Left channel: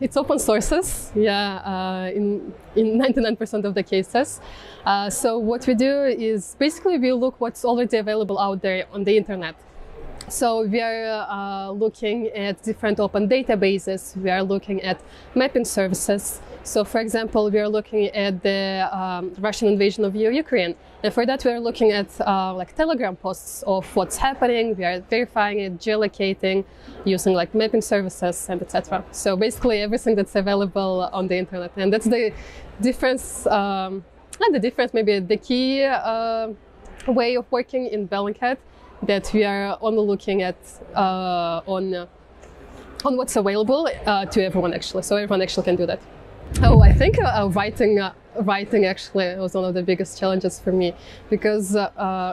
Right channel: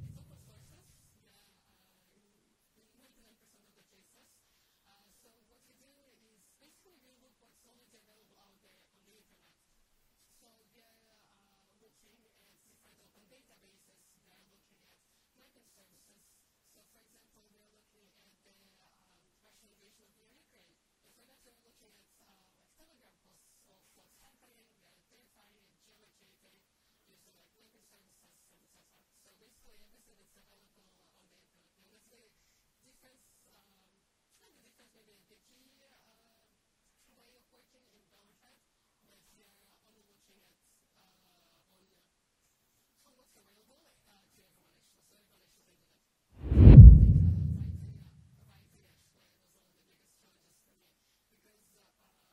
it's open sources, yeah, in 99% of the cases. So what we do is basically we look what's already available out there on the internet. So we are looking at different open databases, we are looking at mapping services. So for example, we are looking at the Russian invasion of Ukraine. And for that, we are looking at like Telegram posts of what's happening. We are verifying it, geolocating, using like mapping services and etc. So basically everything that's available on the internet. And that's the difference, not the difference, maybe the key way of working in Bellingcat, that we are only looking at on what's available to everyone actually. So everyone actually can do that. Oh, I think writing actually was one of the biggest challenges for me, because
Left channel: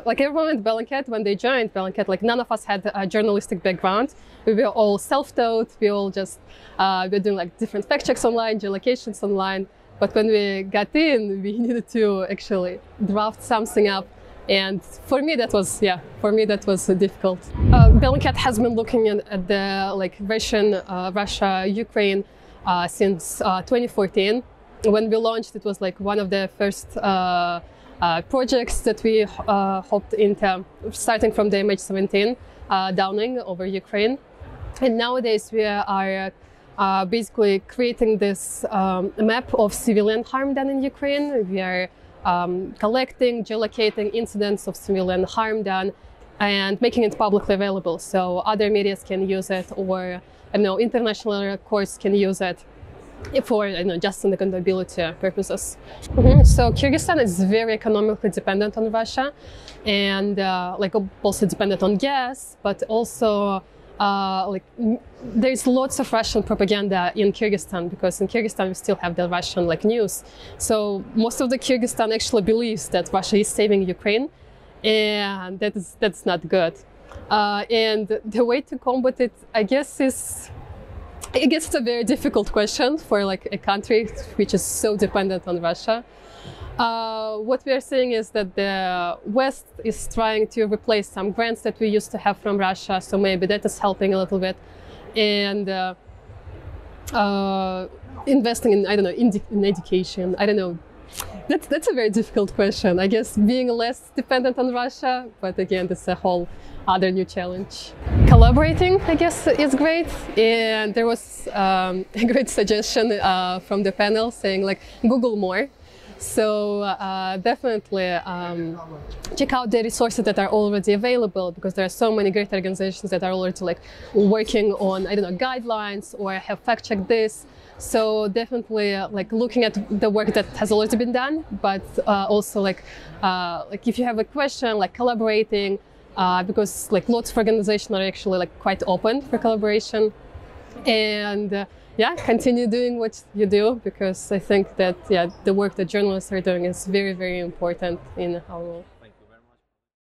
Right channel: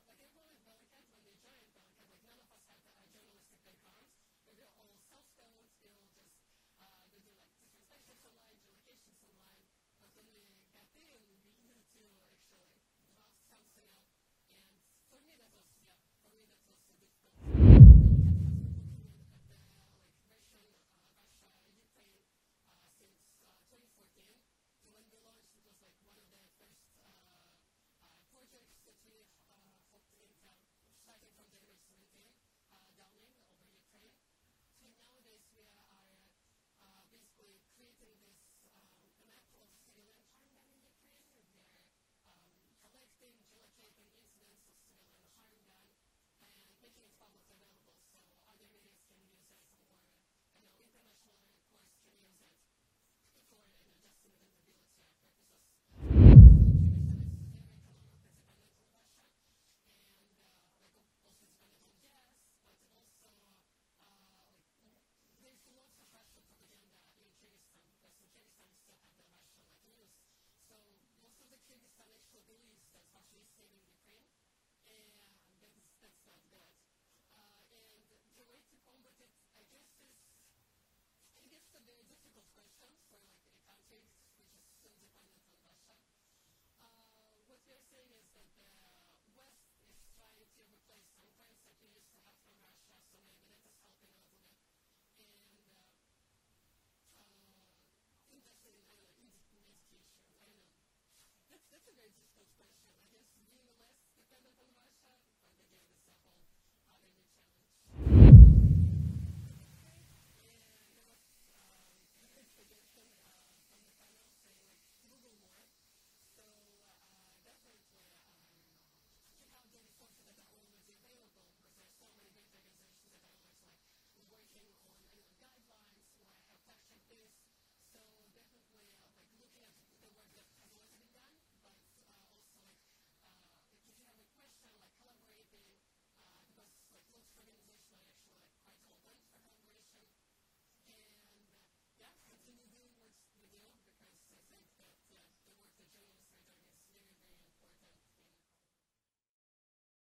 like everyone at Bellingcat, when they joined Bellingcat, like none of us had a journalistic background. We were all self-taught. We all just were doing like different fact checks online, geolocations online. But when we got in, we needed to actually draft something up. And for me, that was difficult. Bellingcat has been looking at the like Russia, Ukraine since 2014. When we launched, it was like one of the first projects that we hopped into, starting from the MH17 downing over Ukraine. And nowadays we are basically creating this map of civilian harm done in Ukraine. We are collecting, geolocating incidents of civilian harm done and making it publicly available. So other media can use it, or I know international courts can use it for just on accountability purposes. So Kyrgyzstan is very economically dependent on Russia, and like also dependent on gas, but also like there's lots of Russian propaganda in Kyrgyzstan, because in Kyrgyzstan we still have the Russian like news. So most of the Kyrgyzstan actually believes that Russia is saving Ukraine, and that's not good. And the way to combat it, I guess, it's a very difficult question for like a country which is so dependent on Russia. What we are seeing is that the West is trying to replace some grants that we used to have from Russia, so maybe that is helping a little bit. And investing in, I don't know, in education, I don't know. That's a very difficult question. I guess being less dependent on Russia, but again, that's a whole other new challenge. Collaborating, I guess, is great. And there was a great suggestion from the panel saying like, Google more. So definitely check out the resources that are already available, because there are so many great organizations that are already like working on, I don't know, guidelines or have fact-checked this. So definitely like looking at the work that has already been done, but also like if you have a question, like collaborating, because like lots of organizations are actually like quite open for collaboration. And yeah, continue doing what you do, because I think that the work that journalists are doing is very, very important in our role.